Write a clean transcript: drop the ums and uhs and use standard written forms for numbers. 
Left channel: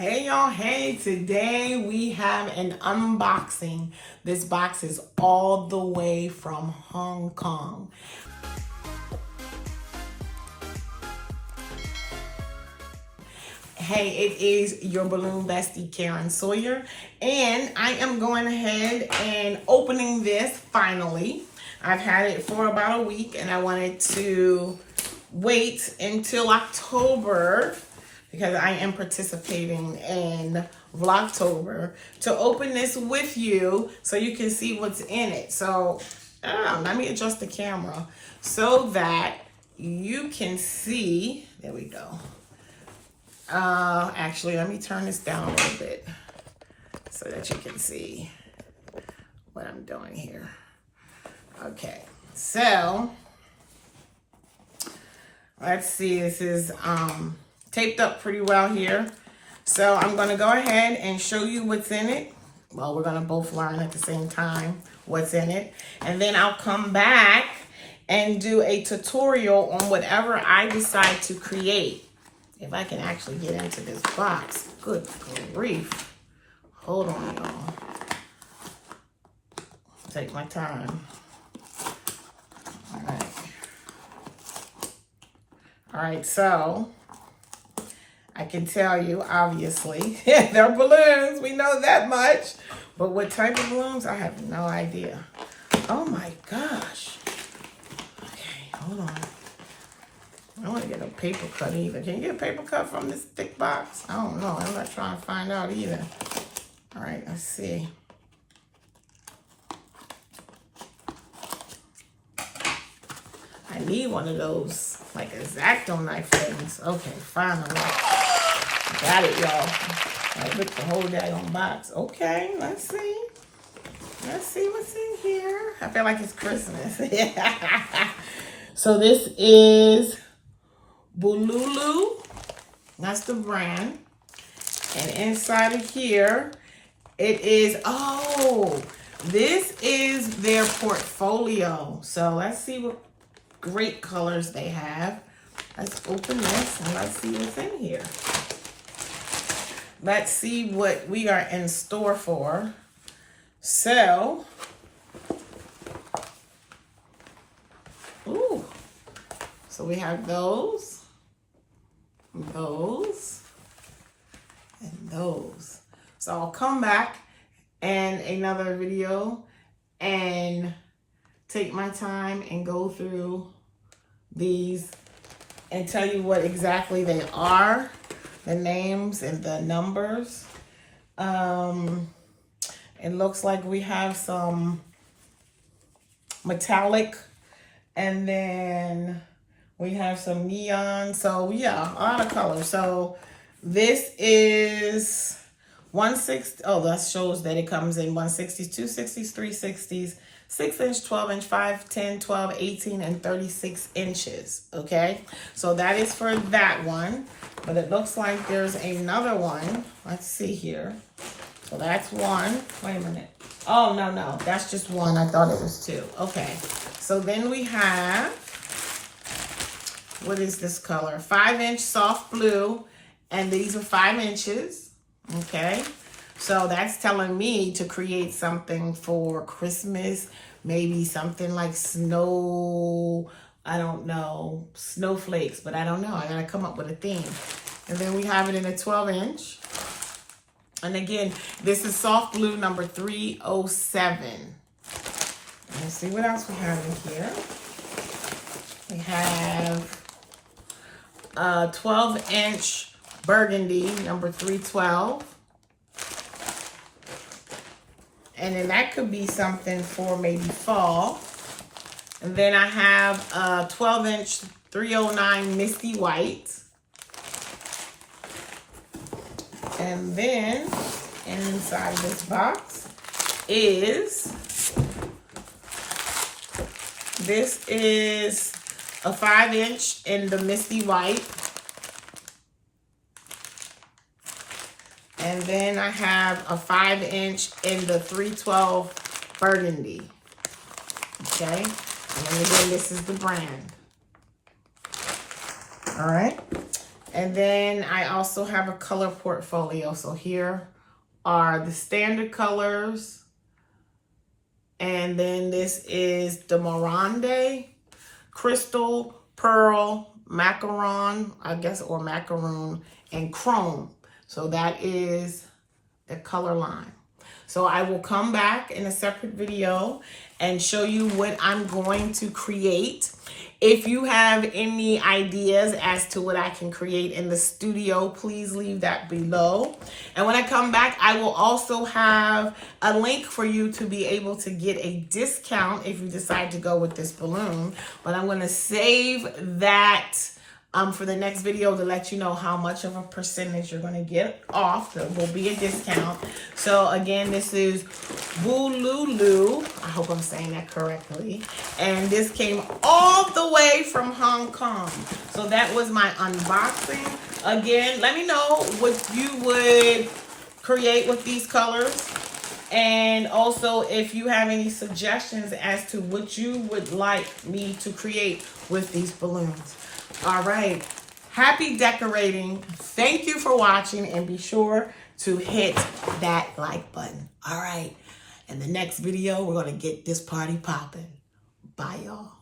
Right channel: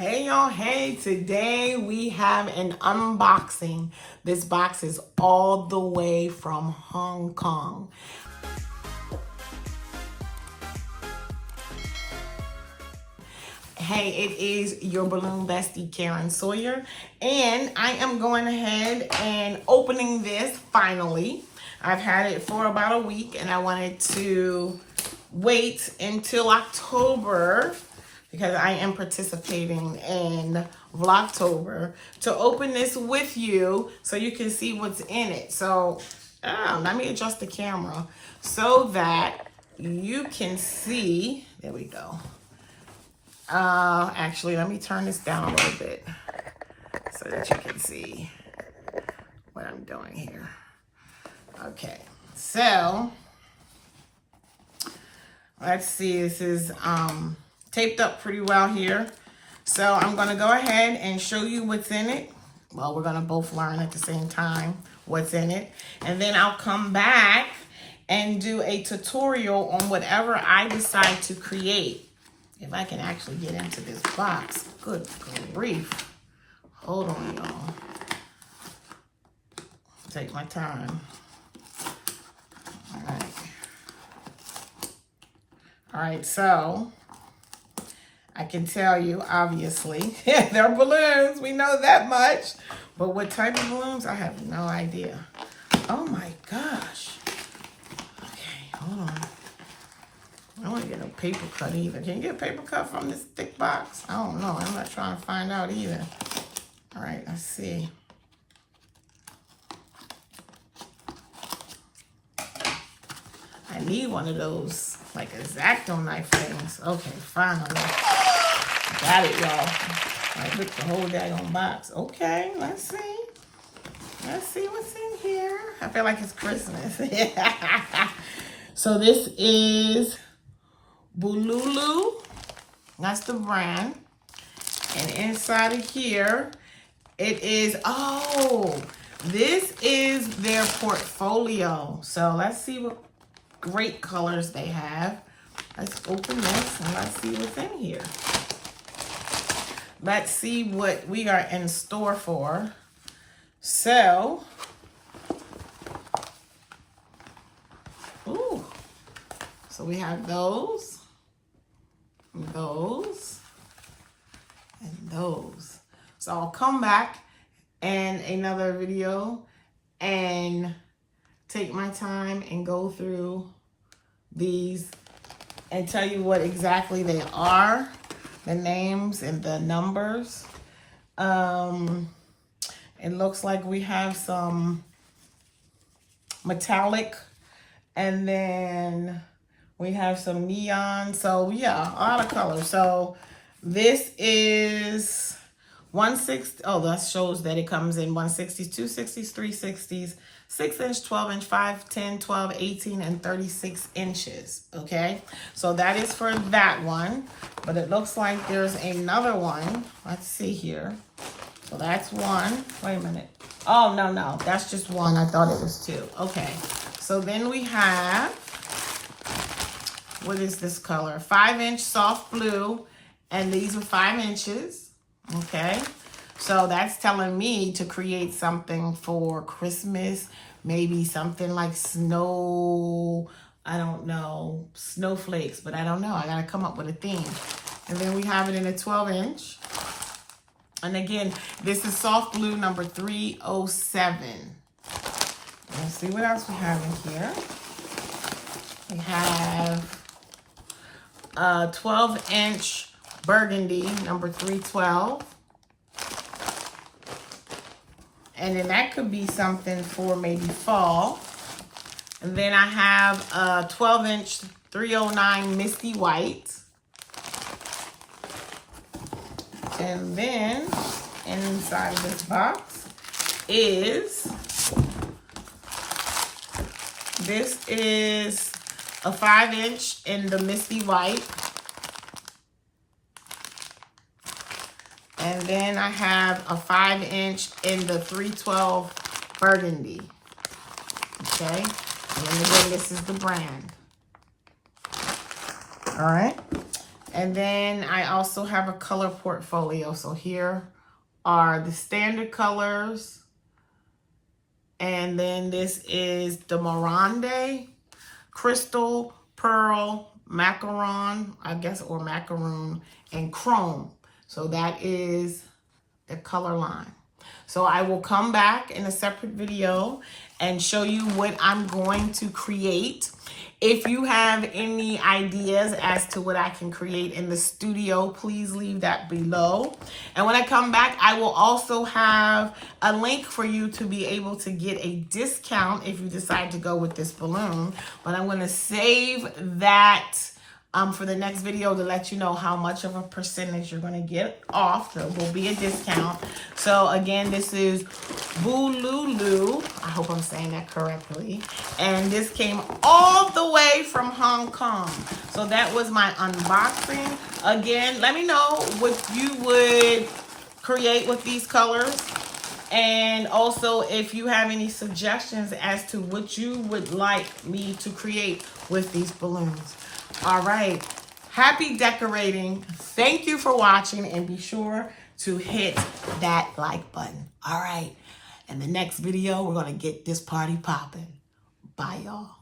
Hey y'all, hey, today we have an unboxing. This box is all the way from Hong Kong. Hey, it is your balloon bestie, Karen Sawyer, and I am going ahead and opening this finally. I've had it for about a week and I wanted to wait until October because I am participating in Vlogtober to open this with you so you can see what's in it. So let me adjust the camera so that you can see. There we go. Actually, let me turn this down a little bit so that you can see what I'm doing here. Okay, so let's see. This is taped up pretty well here. So I'm gonna go ahead and show you what's in it. Well, we're gonna both learn at the same time what's in it. And then I'll come back and do a tutorial on whatever I decide to create. If I can actually get into this box. Good grief. Hold on, y'all. Take my time. All right. All right, so I can tell you, obviously, they're balloons. We know that much. But what type of balloons? I have no idea. Oh my gosh. Okay, hold on. I don't want to get a paper cut either. Can you get a paper cut from this thick box? I don't know. I'm not trying to find out either. All right, let's see. I need one of those, like, X-Acto knife things. Okay, finally. Got it, y'all. I ripped the whole daggone box. Okay, let's see. Let's see what's in here. I feel like it's Christmas. So this is BuLuLu. That's the brand. And inside of here, it is, oh, this is their portfolio. So let's see what great colors they have. Let's open this and let's see what's in here. Let's see what we are in store for. So, ooh, so we have those, and those. So I'll come back in another video and take my time and go through these and tell you what exactly they are, the names and the numbers. It looks like we have some metallic and then we have some neon. So yeah, a lot of colors. So this is 160. Oh, that shows that it comes in 160s, 260s, 360s, 6-inch, 12-inch, 5, 10, 12, 18, and 36 inches. Okay, so that is for that one. But it looks like there's another one. Let's see here. So that's one. Wait a minute. Oh, no. That's just one. I thought it was two. Okay. So then we have, what is this color? 5-inch soft blue. And these are 5 inches. Okay. So that's telling me to create something for Christmas. Maybe something like snow. I don't know. Snowflakes. But I don't know. I got to come up with a theme. And then we have it in a 12-inch. And again, this is soft blue number 307. Let's see what else we have in here. We have a 12-inch burgundy number 312. And then that could be something for maybe fall. And then I have a 12-inch 309 misty white. And then inside this box is, this is a 5-inch in the misty white. And then I have a 5-inch in the 312 burgundy. Okay. And then again, this is the brand. All right. And then I also have a color portfolio. So here are the standard colors. And then this is the Morande, Crystal, Pearl, Macaron, I guess, or Macaroon, and Chrome. So that is the color line. So I will come back in a separate video and show you what I'm going to create. If you have any ideas as to what I can create in the studio, please leave that below. And when I come back, I will also have a link for you to be able to get a discount if you decide to go with this balloon. But I'm going to save that for the next video to let you know how much of a percentage you're going to get off. There will be a discount. So again, this is BuLuLu. I hope I'm saying that correctly. And this came all the way from Hong Kong. So that was my unboxing. Again, let me know what you would create with these colors. And also if you have any suggestions as to what you would like me to create with these balloons. All right, happy decorating. Thank you for watching, and be sure to hit that like button. All right, in the next video, we're gonna get this party popping. Bye, y'all.